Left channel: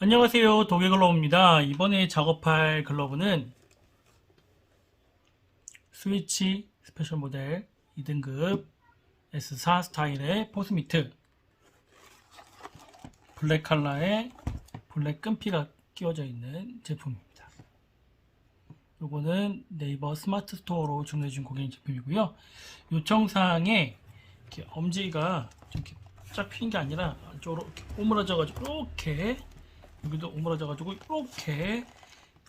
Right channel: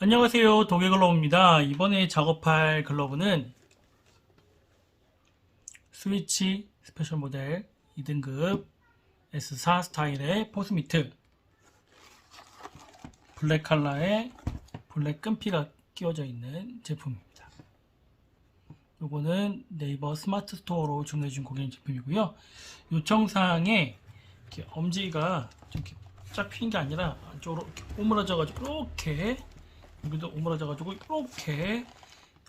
안녕하세요. 도개글러브입니다. 이번에 작업할 글러브는 스위치 스페셜 모델 2등급 S4 스타일의 포스미트. 블랙 컬러에 블랙 끈피가 끼워져 있는 제품입니다. 요거는 네이버 스마트 스토어로 주문해 준 고객님 제품이고요. 요청사항에 엄지가 좀 이렇게 쫙 핀 게 아니라 안쪽으로 오므라져 가지고 이렇게 여기도 오므라져 가지고 이렇게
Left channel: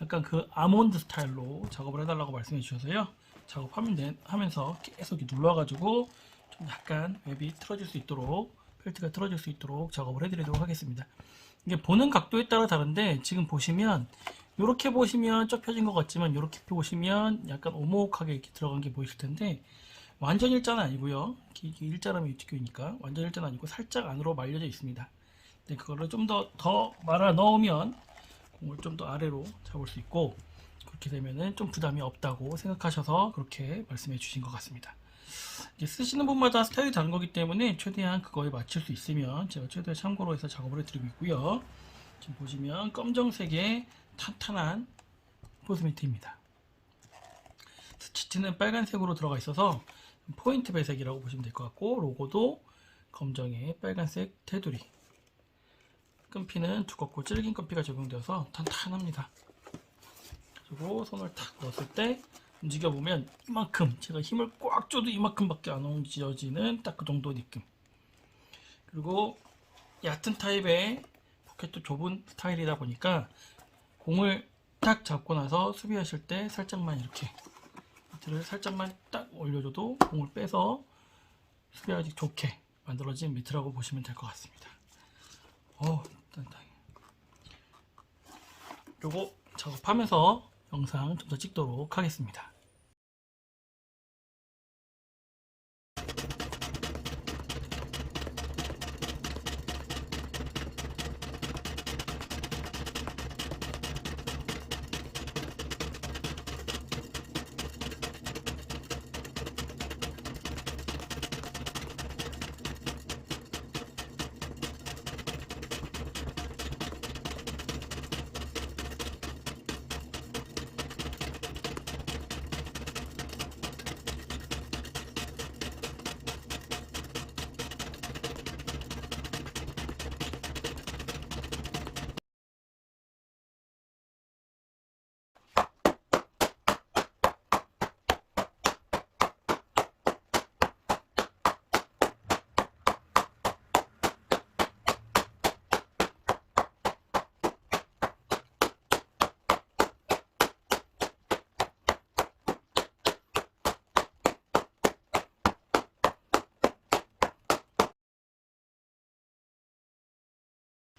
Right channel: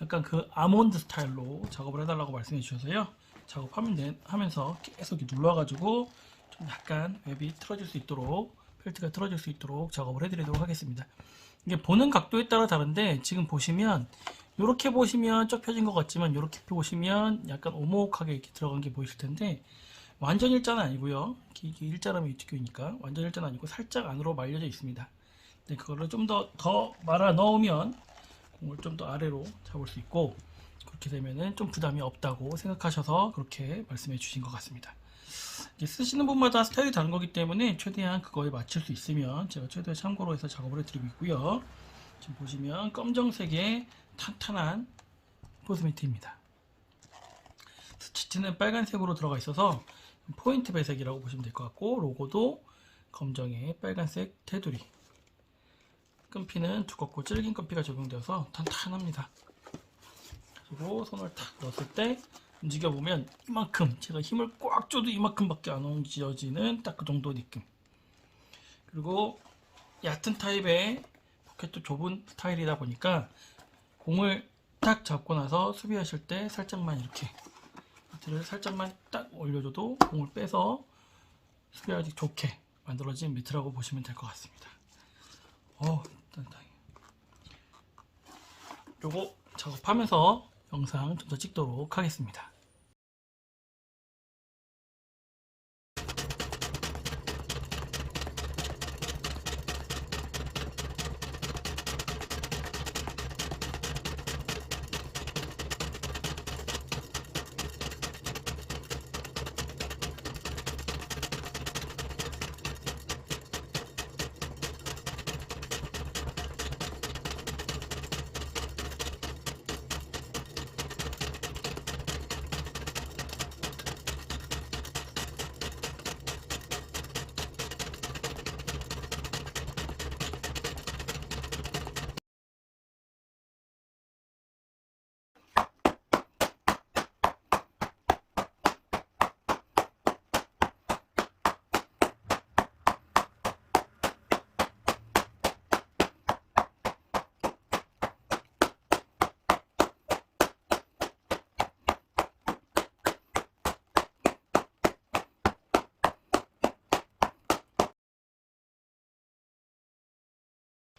약간 그 아몬드 스타일로 작업을 해달라고 말씀해 주셔서요. 작업하면서 계속 이렇게 눌러가지고 좀 약간 웹이 틀어질 수 있도록 펠트가 틀어질 수 있도록 작업을 해드리도록 하겠습니다. 이게 보는 각도에 따라 다른데 지금 보시면 이렇게 보시면 쫙 펴진 것 같지만 이렇게 보시면 약간 오목하게 이렇게 들어간 게 보이실 텐데 완전 일자는 아니고요. 이게 일자라면 이쪽이니까 완전 일자는 아니고 살짝 안으로 말려져 있습니다 네, 그거를 좀 더 더 말아 넣으면 공을 좀 더 아래로 잡을 수 있고 그렇게 되면은 좀 부담이 없다고 생각하셔서 그렇게 말씀해 주신 것 같습니다. 쓰시는 분마다 스타일이 다른 거기 때문에 최대한 그거에 맞출 수 있으면 제가 최대한 참고로 해서 작업을 해드리고 있고요. 지금 보시면 검정색의 탄탄한 포스미트입니다. 스티치는 빨간색으로 들어가 있어서 포인트 배색이라고 보시면 될 것 같고 로고도 검정에 빨간색 테두리 끈피는 두껍고 질긴 끈피가 적용되어서 탄탄합니다. 그리고 손을 탁 넣었을 때 움직여 보면 이만큼 제가 힘을 꽉 줘도 이만큼밖에 안 옮겨지는 딱 그 정도 느낌. 그리고 얕은 타입의 포켓도 좁은 스타일이다 보니까 공을 딱 잡고 나서 수비하실 때 살짝만 이렇게 밑을 살짝만 딱 올려줘도 공을 빼서 수비하기 좋게 만들어진 미트라고 보시면 될 것 같습니다. 어. 요거 작업하면서 영상 좀 더 찍도록 하겠습니다.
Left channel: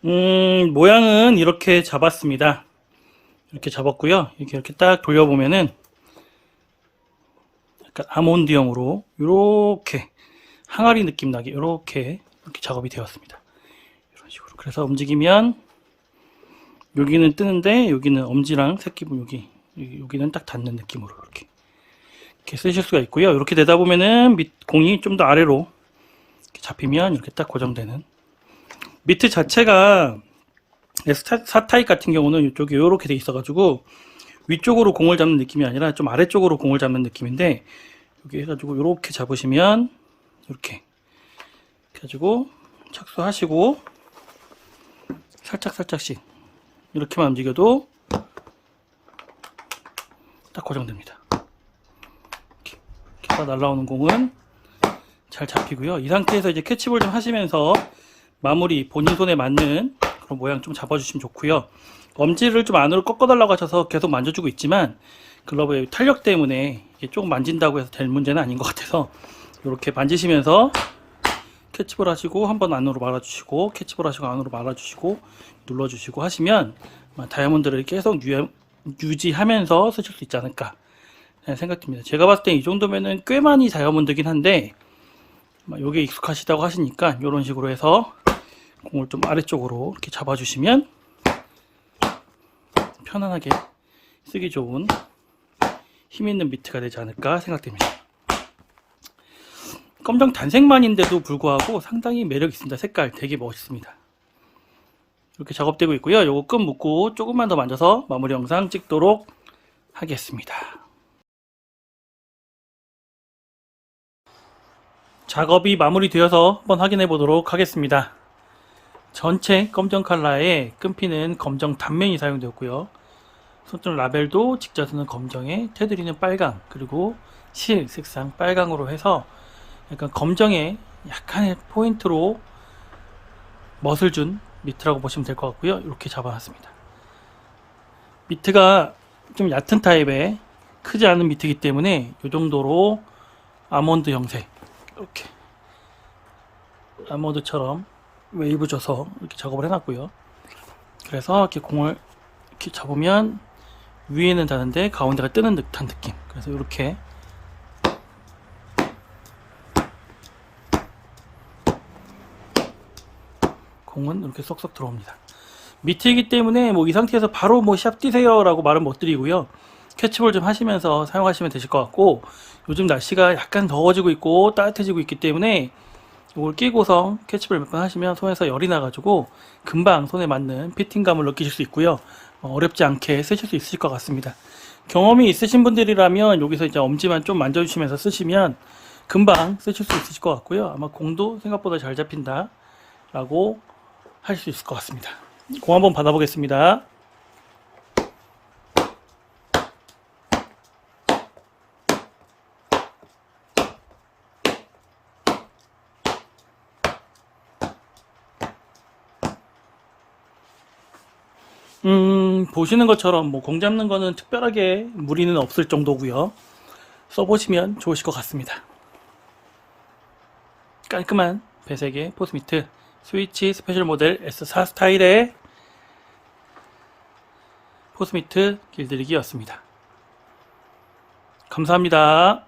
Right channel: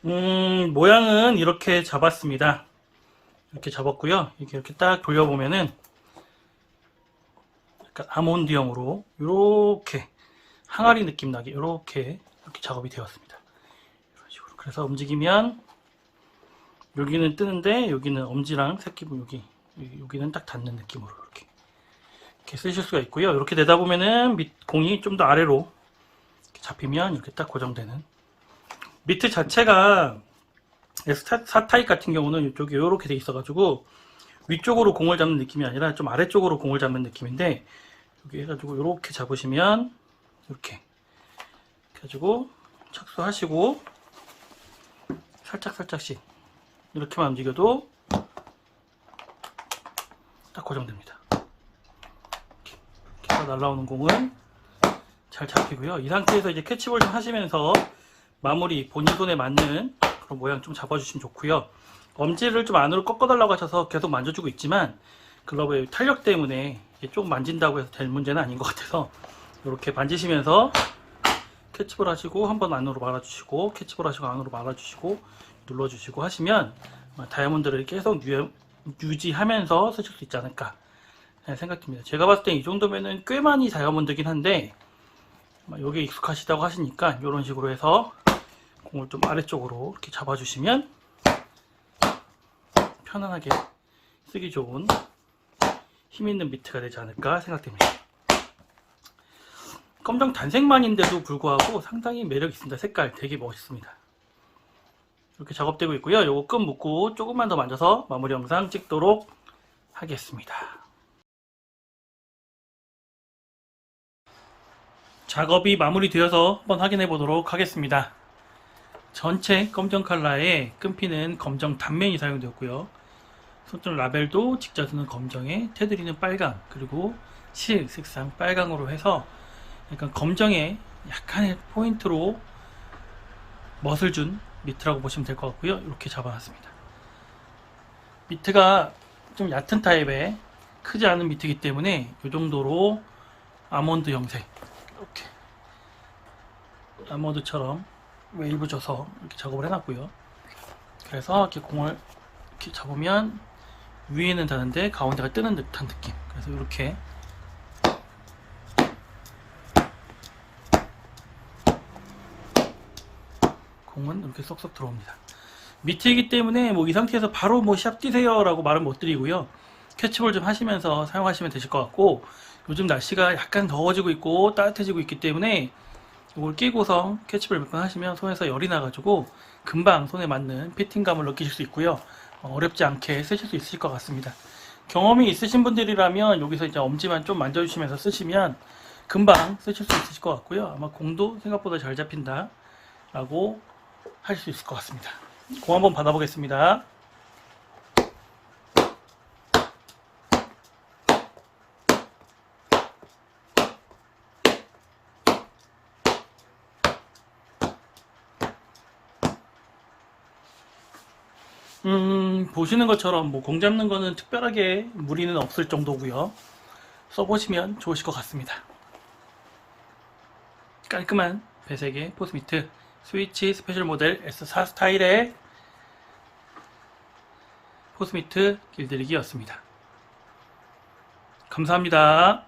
음, 모양은 이렇게 잡았습니다. 이렇게 잡았고요. 이렇게 이렇게 딱 돌려보면은 약간 아몬드형으로 이렇게 항아리 느낌 나게 이렇게 이렇게 작업이 되었습니다. 이런 식으로. 그래서 움직이면 여기는 뜨는데 여기는 엄지랑 새끼 부분 여기 여기는 딱 닿는 느낌으로 이렇게 이렇게 쓰실 수가 있고요. 이렇게 되다 보면은 밑 공이 좀 더 아래로 잡히면 이렇게 딱 고정되는 미트 자체가 S4 타입 같은 경우는 이쪽이 이렇게 돼 있어가지고 위쪽으로 공을 잡는 느낌이 아니라 좀 아래쪽으로 공을 잡는 느낌인데 여기 해가지고 이렇게 잡으시면 이렇게 해가지고 착수하시고 살짝 살짝씩 이렇게만 움직여도 딱 고정됩니다. 이렇게, 날라오는 공은 잘 잡히고요. 이 상태에서 이제 캐치볼 좀 하시면서 마무리 본인 손에 맞는 그런 모양 좀 잡아주시면 좋고요. 엄지를 좀 안으로 꺾어달라고 하셔서 계속 만져주고 있지만 글러브의 탄력 때문에 조금 만진다고 해서 될 문제는 아닌 것 같아서 이렇게 만지시면서 캐치볼 하시고 한번 안으로 말아주시고 캐치볼 하시고 안으로 말아주시고 눌러주시고 하시면 다이아몬드를 계속 유, 유지하면서 쓰실 수 있지 않을까 생각됩니다. 제가 봤을 때 이 정도면은 꽤 많이 다이아몬드긴 한데 이게 익숙하시다고 하시니까 이런 식으로 해서 공을 좀 아래쪽으로 이렇게 잡아주시면 편안하게 쓰기 좋은 힘 있는 미트가 되지 않을까 생각됩니다. 검정 단색만인데도 불구하고 상당히 매력 있습니다. 색깔 되게 멋있습니다. 이렇게 작업되고 있고요. 요거 끈 묶고 조금만 더 만져서 마무리 영상 찍도록 하겠습니다. 작업이 마무리되어서 한번 확인해 보도록 하겠습니다. 전체 검정 컬러에 끈피는 검정 단면이 사용되었고요. 손톱 라벨도 직자수는 검정에 테두리는 빨강 그리고 실 색상 빨강으로 해서 약간 검정에 약간의 포인트로 멋을 준 미트라고 보시면 될 것 같고요. 이렇게 잡아놨습니다. 미트가 좀 얕은 타입의 크지 않은 미트이기 때문에 이 정도로 아몬드 형태 이렇게 아몬드처럼 웨이브 줘서 이렇게 작업을 해놨고요. 그래서 이렇게 공을 이렇게 잡으면 위에는 닿는데 가운데가 뜨는 듯한 느낌. 그래서 이렇게 공은 이렇게 쏙쏙 들어옵니다. 밑이기 때문에 뭐 이 상태에서 바로 뭐 샵 뛰세요라고 말은 못 드리고요. 캐치볼 좀 하시면서 사용하시면 되실 것 같고 요즘 날씨가 약간 더워지고 있고 따뜻해지고 있기 때문에 이걸 끼고서 캐치볼 몇 번 하시면 손에서 열이 나가지고 금방 손에 맞는 피팅감을 느끼실 수 있고요. 어, 어렵지 않게 쓰실 수 있을 것 같습니다. 경험이 있으신 분들이라면 여기서 이제 엄지만 좀 만져주시면서 쓰시면 금방 쓰실 수 있으실 것 같고요. 아마 공도 생각보다 잘 잡힌다 라고 할 수 있을 것 같습니다. 공 한번 받아보겠습니다. 음, 보시는 것처럼 뭐 공 잡는 거는 특별하게 무리는 없을 정도고요. 써보시면 좋으실 것 같습니다. 깔끔한 배색의 포스미트 스위치 스페셜 모델 S4 스타일의 포스미트 길들이기였습니다. 감사합니다.